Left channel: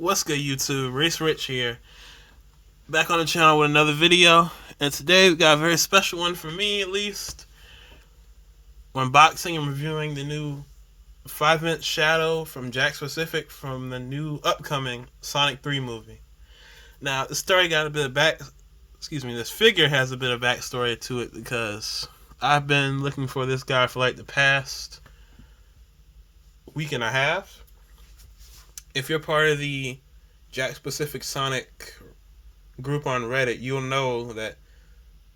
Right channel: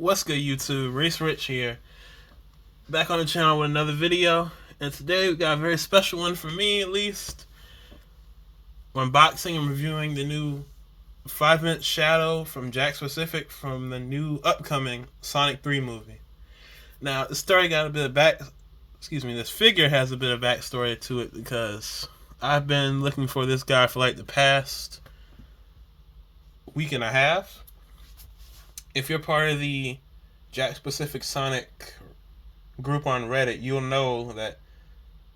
What's good, YouTube? Race Rich here, back on the channel with another video. And today we got a very special one for me, at least. Unboxing and reviewing the new 5-inch Shadow from Jakks Pacific from the new upcoming Sonic 3 movie. Now, the story got a bit of this figure has a bit of backstory to it because I've been looking for this guy for like the past week and a half. If you're part of the Jakks Pacific Sonic group on Reddit, you'll know that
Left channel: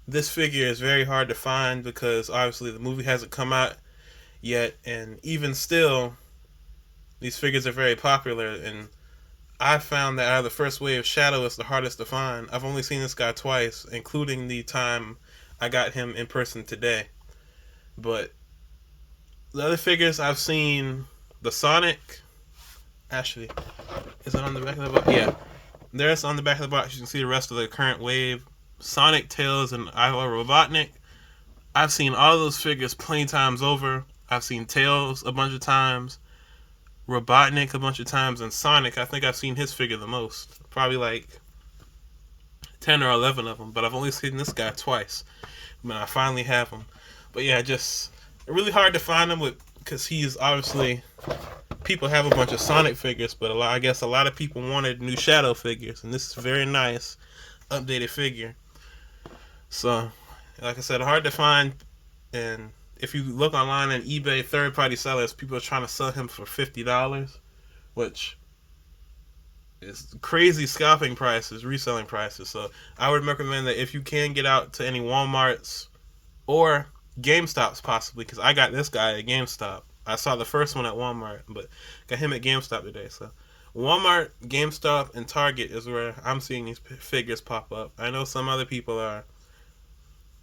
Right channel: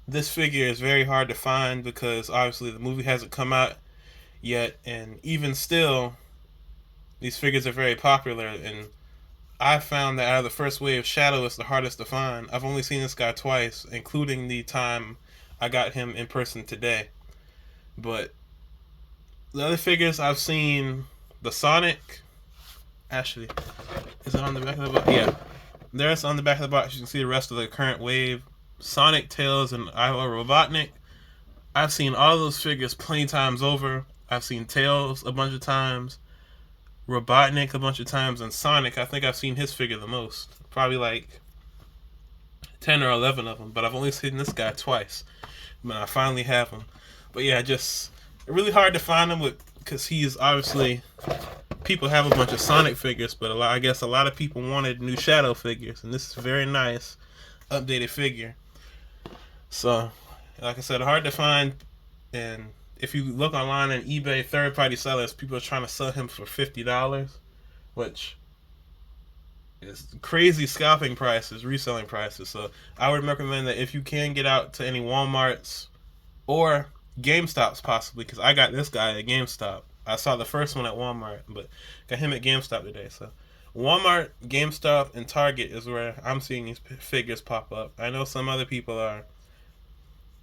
this figure is very hard to find because obviously the movie hasn't come out yet, and even still, these figures are very popular, and I found that out of the first wave, Shadow is the hardest to find. I've only seen this guy twice, including the time I got him in person today. But the other figures I've seen, the Sonic, actually, is it on the back of the box? Yeah. There's on the back of the box, you can see the rest of the current wave. Sonic, Tails, and Iowa Robotnik. I've seen all those figures plenty times over. I've seen Tails a bunch of times, Robotnik a bunch of times, and Sonic, I think I've seen his figure the most. Probably like 10 or 11 of them, but I've only seen this guy twice. When I finally have him. But yeah, just really hard to find him because he's obviously... People have a bunch of Sonic figures, but I guess a lot of people wanted new Shadow figures, and this is a very nice, updated figure. So, like I said, hard to find, and if you look online on eBay, third-party sellers, people are trying to sell him for $50, which is crazy scalping prices, reselling prices. So, I would recommend that if you can get out to any Walmarts or GameStops possibly, because I got this guy at GameStop. I saw the first one at Walmart, but got him at GameStop today. So Walmart, GameStop, and Target is where I'm seeing these figures pop up. I know some other people are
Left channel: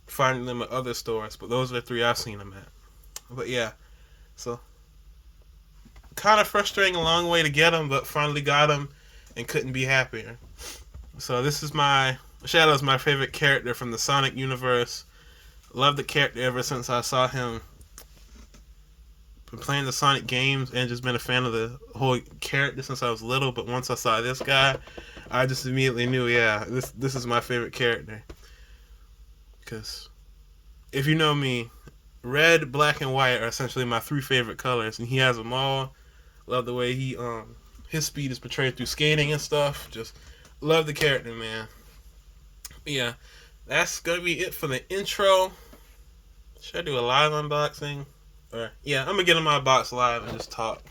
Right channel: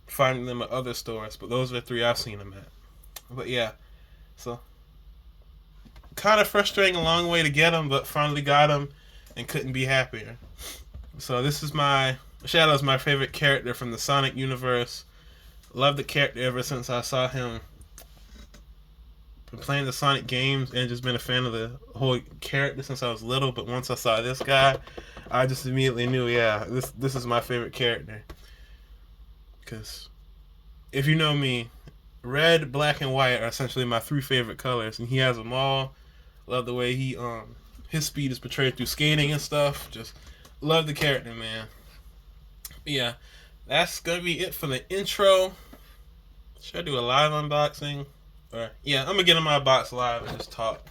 finding them at other stores, but those are the three I've seen them at. But yeah, so kind of frustrating, a long way to get them, but finally got them and couldn't be happier. So this is Shadow's my favorite character from the Sonic universe. Loved the character ever since I saw him. Been playing the Sonic games and just been a fan of the whole character since I was little, but once I saw this guy, I just immediately knew, yeah, this is my favorite character. Because if you know me, red, black, and white are essentially my three favorite colors, and he has them all. Love the way his speed is portrayed through skating and stuff. Just love the character, man. But yeah, that's gonna be it for the intro. Should I do a live unboxing? Yeah, I'm gonna get in my box live and just talk.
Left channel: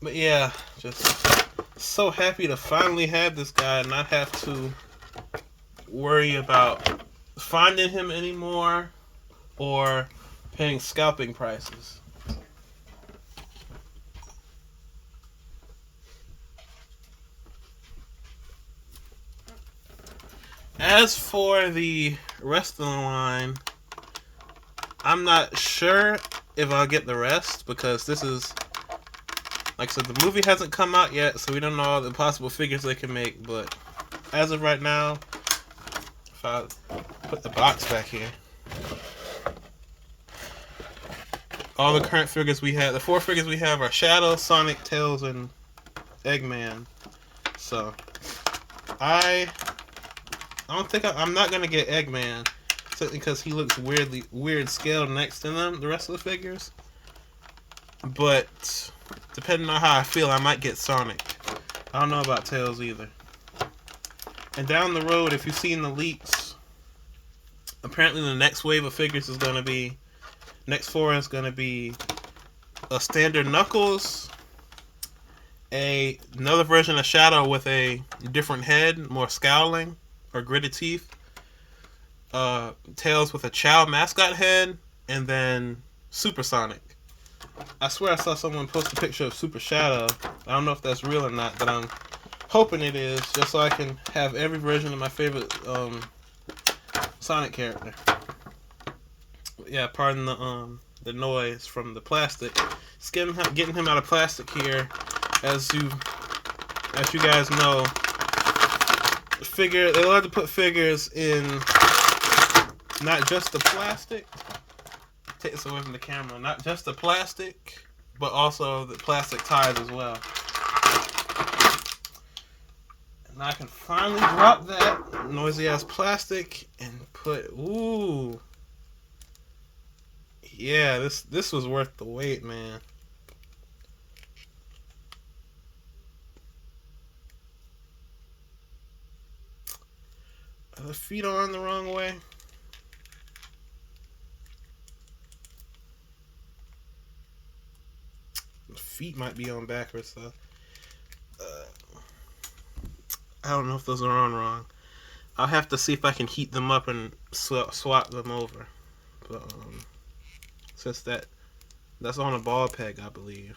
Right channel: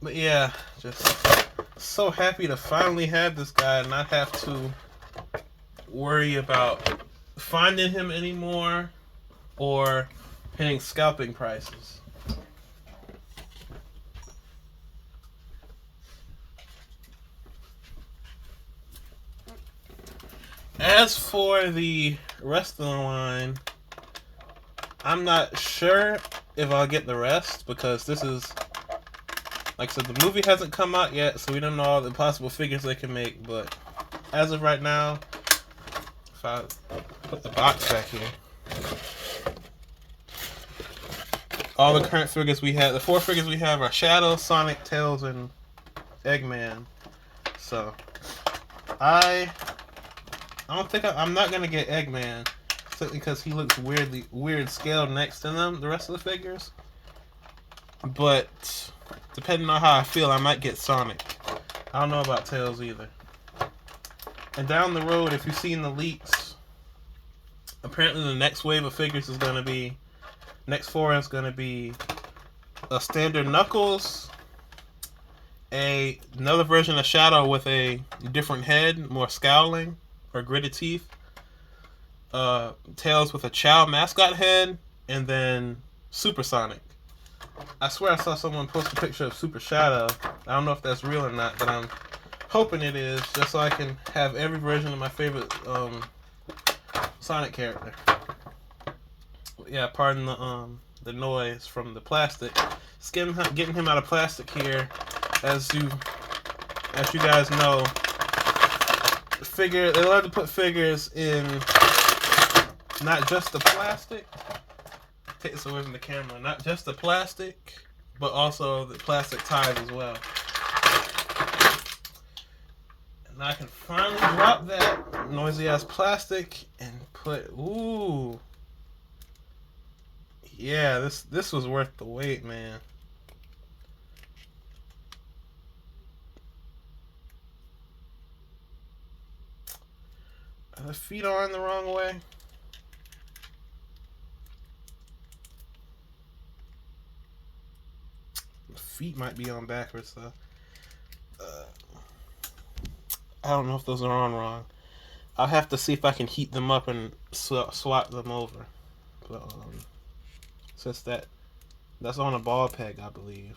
But yeah, just so happy to finally have this guy and not have to worry about finding him anymore or paying scalping prices. As for the rest of the line, I'm not sure if I'll get the rest because this is, like I said, the movie hasn't come out yet, so we don't know all the possible figures they can make. But as of right now, if I put the box back here, all the current figures we have, the 4 figures we have are Shadow, Sonic, Tails, and Eggman. So I'm not gonna get Eggman. Because he looks weird scaled next to them, the rest of the figures. But depending on how I feel, I might get Sonic. I don't know about Tails either. And down the road, if you've seen the leaks, apparently the next wave of figures is going to be, next 4 is going to be a standard Knuckles, another version of Shadow with a different head, more scowling or gritted teeth. Tails with a Chow mascot head, and then Super Sonic. I swear I saw someone post a picture of Super Shadow. I don't know if that's real or not, but I'm hoping it is, just so I can have every version of my favorite Sonic character. Yeah, pardon the noise from the plastic. Just getting him out of plastic here. As you guys know, they love to put figures in not just the plastic. Take this away from the camera. Not just the plastic, but also the plastic ties as well. Now I can finally drop that noisy ass plastic and put. Ooh. Yeah, this was worth the wait, man. Are the feet on the wrong way? The feet might be on backwards though. I don't know if those are on wrong. I'll have to see if I can heat them up and swap them over. But since that's on a ball peg, I believe.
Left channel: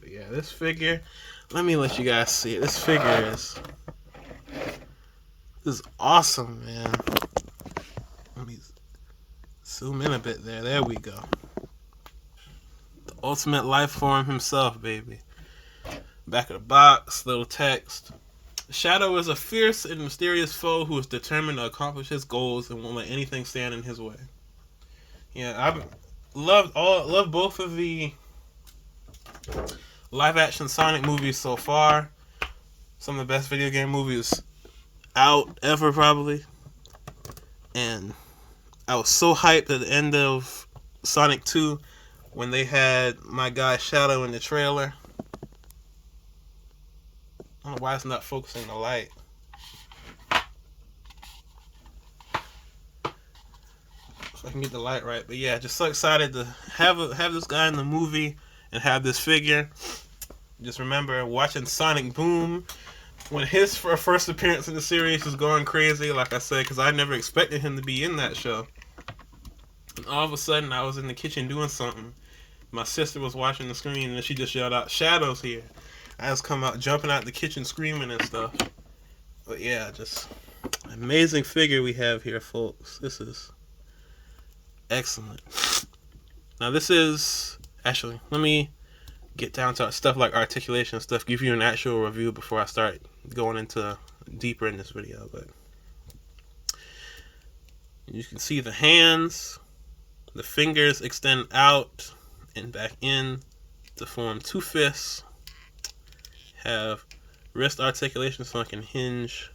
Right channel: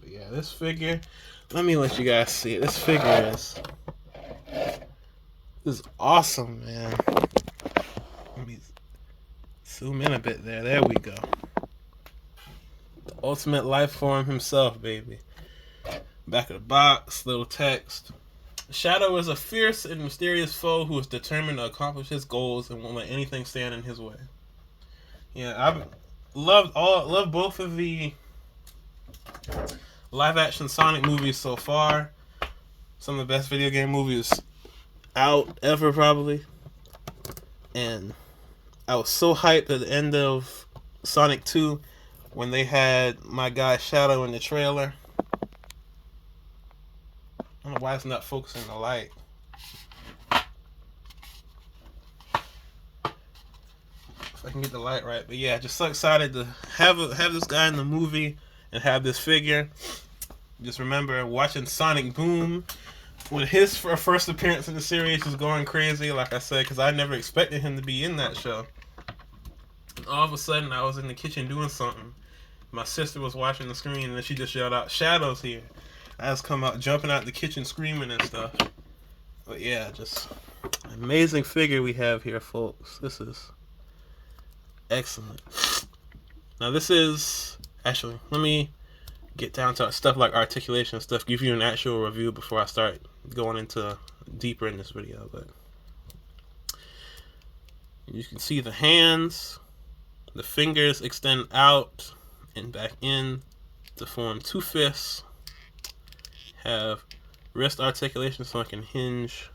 But yeah, this figure. Let me let you guys see it. This figure is awesome, man. Let me zoom in a bit there. There we go. The ultimate life form himself, baby. Back of the box, little text. Shadow is a fierce and mysterious foe who is determined to accomplish his goals and won't let anything stand in his way. Yeah, I've loved both of the live action Sonic movies so far. Some of the best video game movies out ever, probably. And I was so hyped at the end of Sonic 2 when they had my guy Shadow in the trailer. I don't know why it's not focusing the light. If I can get the light right. But yeah, just so excited to have this guy in the movie and have this figure. Just remember watching Sonic Boom when his first appearance in the series was going crazy, like I said, because I never expected him to be in that show. And all of a sudden, I was in the kitchen doing something. My sister was watching the screen, and then she just yelled out, "Shadow's here." I was come out, jumping out the kitchen, screaming and stuff. But yeah, just amazing figure we have here, folks. This is excellent. Now this is, actually, let me get down to stuff like articulation and stuff, give you an actual review before I start going into deeper in this video. But you can see the hands, the fingers extend out and back in to form two fists. Have wrist articulation so I can hinge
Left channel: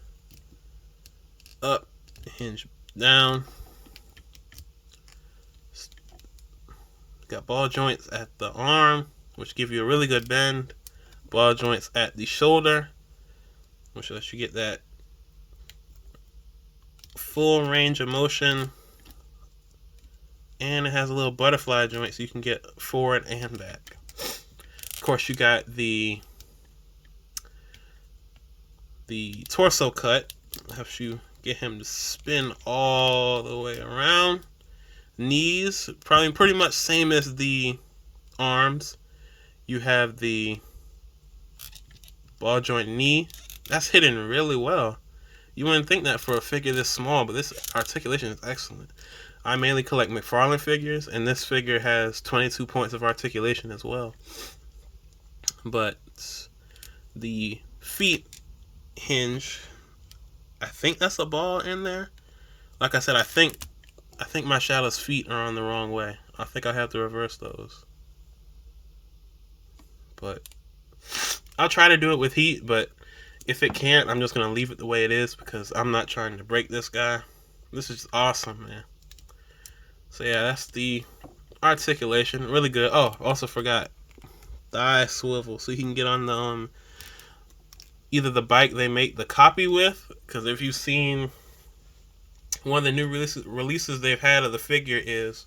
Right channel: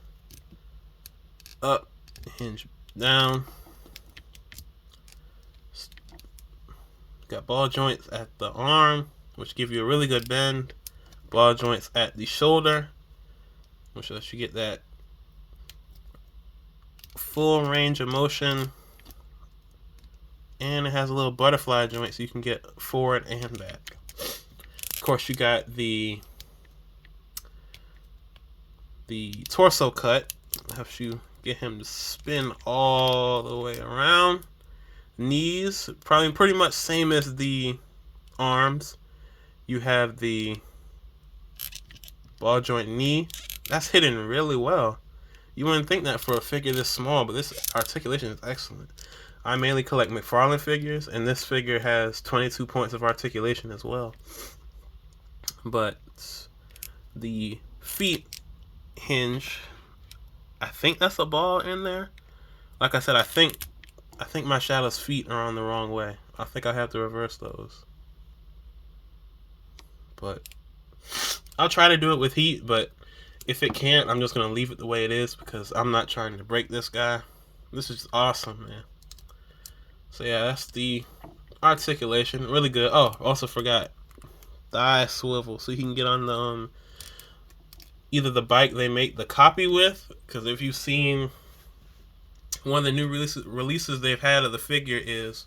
up, hinge down. Got ball joints at the arm, which give you a really good bend. Ball joints at the shoulder, which lets you get that full range of motion. And it has a little butterfly joint so you can get forward and back. Of course, you got the torso cut. Helps you get him to spin all the way around. Knees, probably pretty much same as the arms. You have the ball joint knee. That's hidden really well. You wouldn't think that for a figure this small, but this articulation is excellent. I mainly collect McFarlane figures, and this figure has 22 points of articulation as well. But the feet hinge, I think that's a ball in there. Like I said, I think my Shadow's feet are on the wrong way. I think I have to reverse those. But I'll try to do it with heat, but if it can't, I'm just going to leave it the way it is because I'm not trying to break this guy. This is awesome, man. So yeah, that's the articulation. Really good. Oh, also forgot. Thigh swivel. So you can get on the either the bike they make the copy with, because if you've seen one of the new releases they've had of the figure, is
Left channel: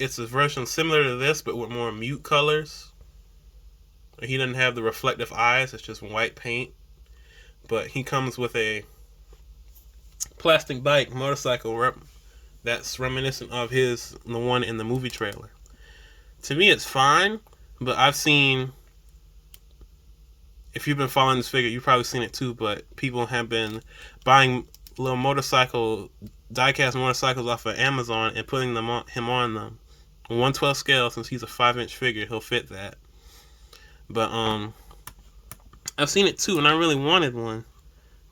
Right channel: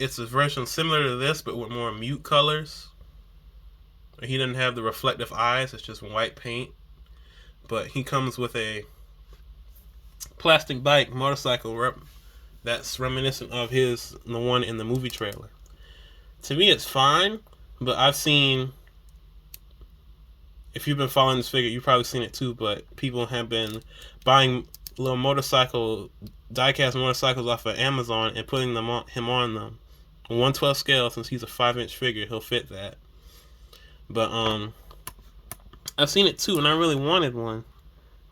it's a version similar to this but with more mute colors. He doesn't have the reflective eyes, it's just white paint. But he comes with a plastic bike motorcycle that's reminiscent of the one in the movie trailer. To me it's fine, but I've seen, if you've been following this figure, you've probably seen it too, but people have been buying little die-cast motorcycles off of Amazon and putting him on them. 1/12 scale, since he's a 5-inch figure, he'll fit that. But I've seen it too, and I really wanted one.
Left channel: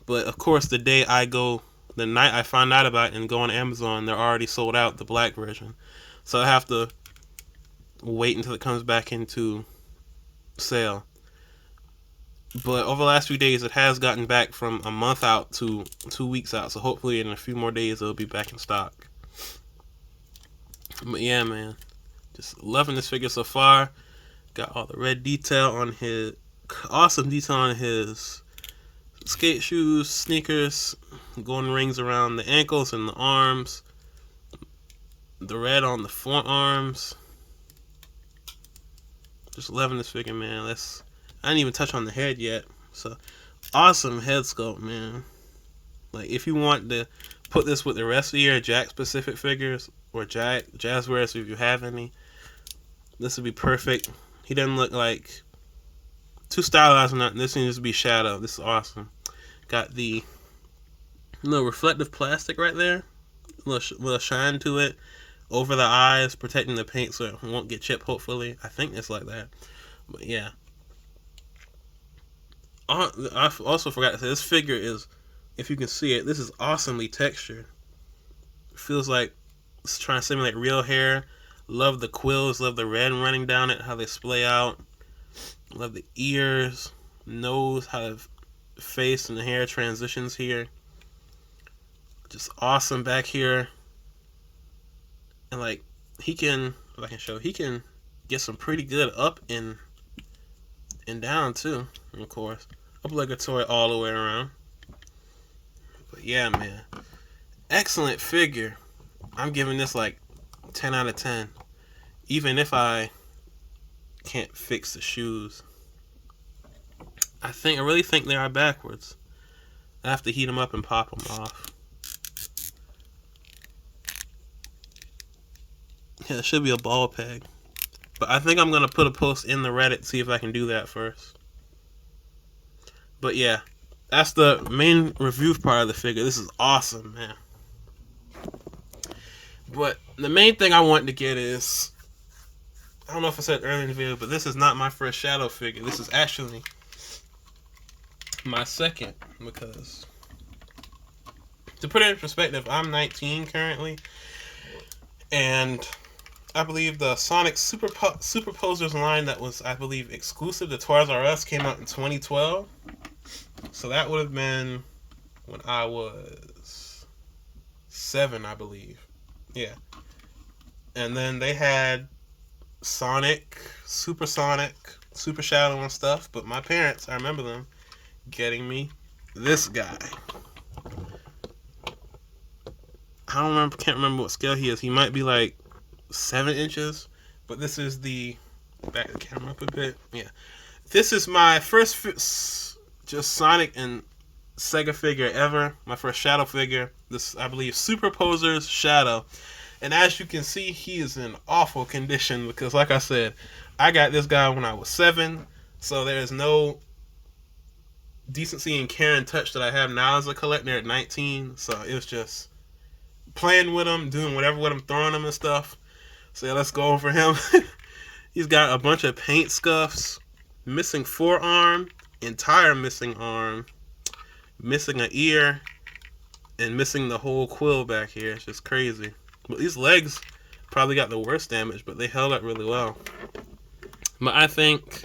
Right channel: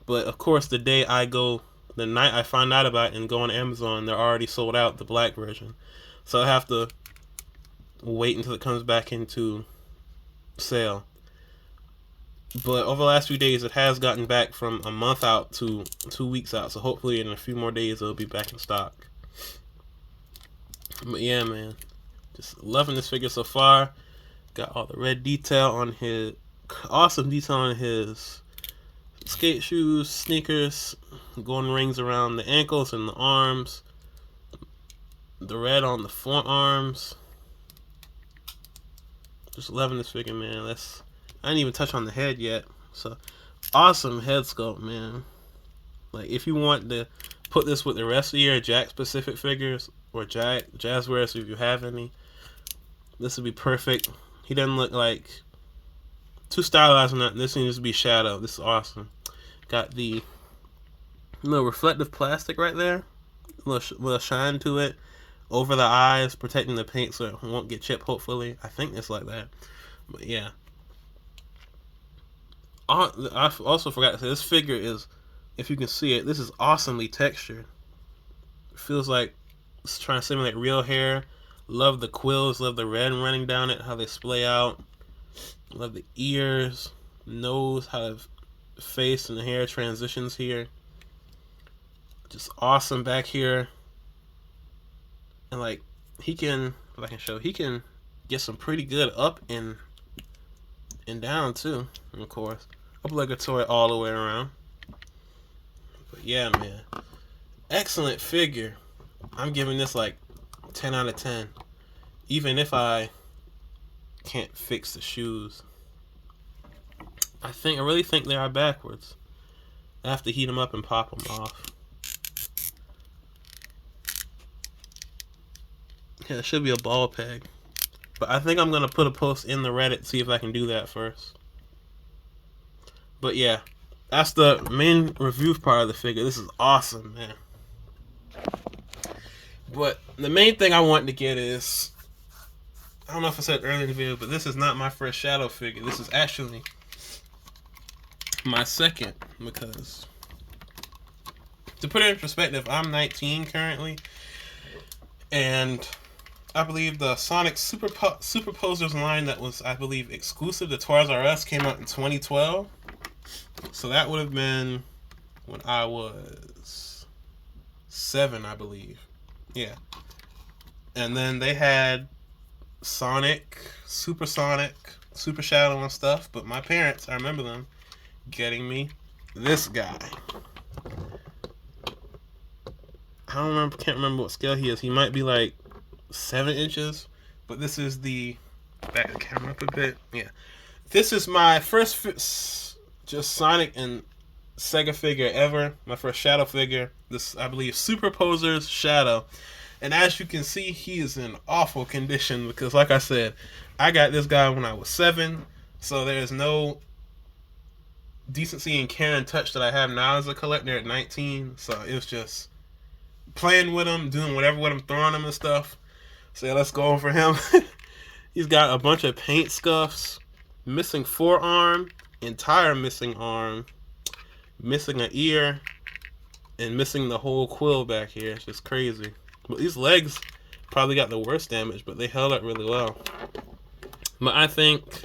But of course, the night I find out about it and go on Amazon, they're already sold out, the black version. So I have to wait until it comes back into sale. But over the last few days, it has gotten back from a month out to 2 weeks out. So hopefully in a few more days, it'll be back in stock. But yeah, man, just loving this figure so far. Got all the red detail on his, awesome detail on his skate shoes, sneakers, golden rings around the ankles and the arms, the red on the forearms. Just loving this figure, man. I didn't even touch on the head yet. So awesome head sculpt, man. Like if you want to put this with the rest of your Jakks Pacific figures or Jazzwares if you have any, this would be perfect. He doesn't look like too stylized or nothing. This needs to be Shadow. This is awesome. Got the little reflective plastic right there, a little shine to it over the eyes, protecting the paint so it won't get chipped. Hopefully, I think it's like that. But yeah, I also forgot to say this figure is, if you can see it, this is awesomely textured. It feels like it's trying to simulate real hair. Love the quills, love the red running down it, how they splay out. Love the ears, nose, how the face and the hair transitions here. Just awesome back here. And like he can, if I can show, he can get some pretty good up and down too, of course. Obligatory all the way around. But yeah, man, excellent figure. I'm giving this like 10 out of 10, even if I can't fix the shoes. I really think they are backwards. I have to heat them up and pop them off. Yeah, it should be a ball peg. But I think I'm going to put a post in the Reddit, see if I can do that first. But yeah, that's the main review part of the figure. This is awesome, man. But the main thing I wanted to get is, I don't know if I said earlier in the video, but this is not my first Shadow figure. This is actually my second, because to put it in perspective, I'm 19 currently, and I believe the Sonic Superposers line that was, I believe, exclusive to Toys R Us came out in 2012. So that would have been when I was 7, I believe. Yeah. And then they had Sonic, Super Shadow and stuff. But my parents, I remember them getting me this guy. Can't remember what scale he is. He might be like 7 inches. But this is back the camera up a bit. Yeah. This is my first just Sonic and Sega figure ever. My first Shadow figure. This, I believe, Superposers Shadow. And as you can see, he is in awful condition because, like I said, I got this guy when I was 7. So there's no decency and care and touch that I have now as a collector at 19. So it was just playing with him, doing whatever with him, throwing him and stuff. So yeah, let's go over him. He's got a bunch of paint scuffs, missing forearm, entire missing arm, missing an ear, and missing the whole quill back here. It's just crazy. But these legs probably got the worst damage, but they held up really well. But I think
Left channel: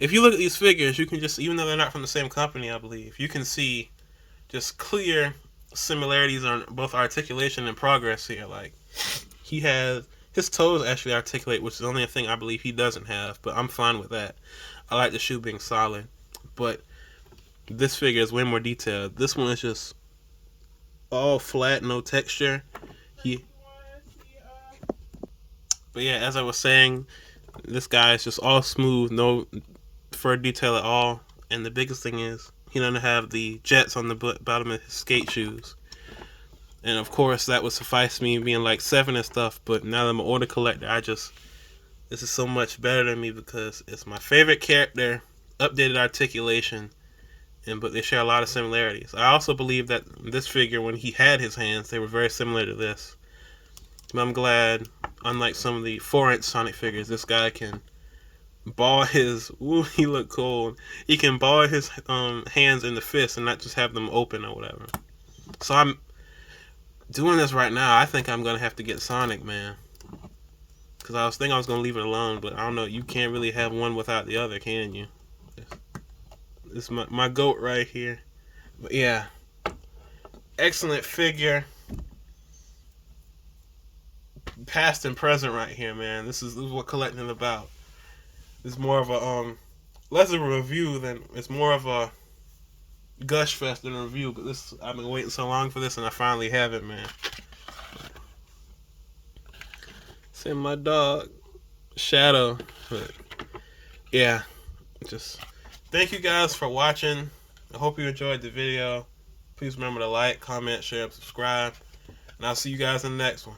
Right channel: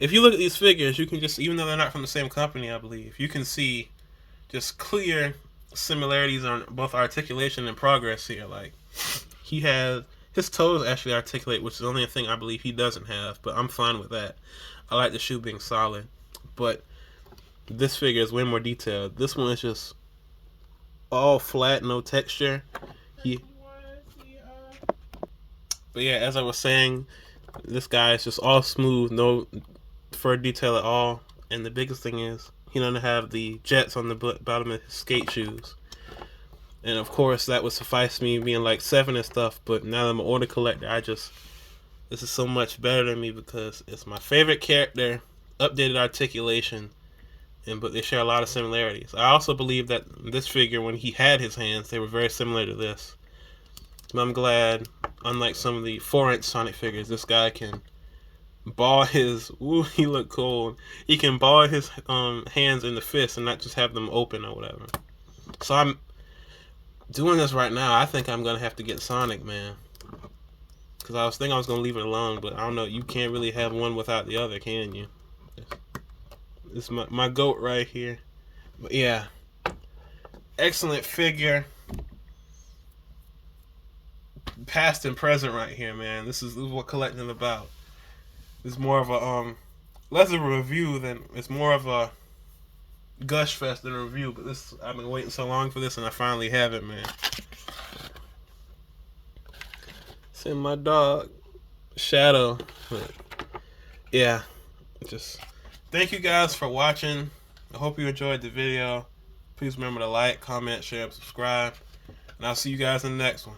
if you look at these figures, you can just, even though they're not from the same company, I believe, you can see just clear similarities on both articulation and progress here. Like, he has, his toes actually articulate, which is the only thing I believe he doesn't have, but I'm fine with that. I like the shoe being solid. But this figure is way more detailed. This one is just all flat, no texture. But yeah, as I was saying, this guy is just all smooth, no fur detail at all. And the biggest thing is, he doesn't have the jets on the bottom of his skate shoes. And of course, that would suffice me being like 7 and stuff. But now that I'm an older collector, this is so much better than me because it's my favorite character, updated articulation, but they share a lot of similarities. I also believe that this figure, when he had his hands, they were very similar to this. But I'm glad, unlike some of the 4-inch Sonic figures, this guy can ball his, he looked cold. He can ball his hands in the fist and not just have them open or whatever. So I'm doing this right now. I think I'm going to have to get Sonic, man. Because I was thinking I was going to leave it alone, but I don't know. You can't really have one without the other, can you? This is my goat right here. But yeah, excellent figure. Past and present right here, man. This is what collecting is about. It's more of a less of a review than it's more of a gush fest than a review. But this I've been waiting so long for this, and I finally have it, man. Send my dog Shadow. But yeah, just thank you guys for watching. I hope you enjoyed the video. Please remember to like, comment, share, and subscribe. And I'll see you guys in the next one.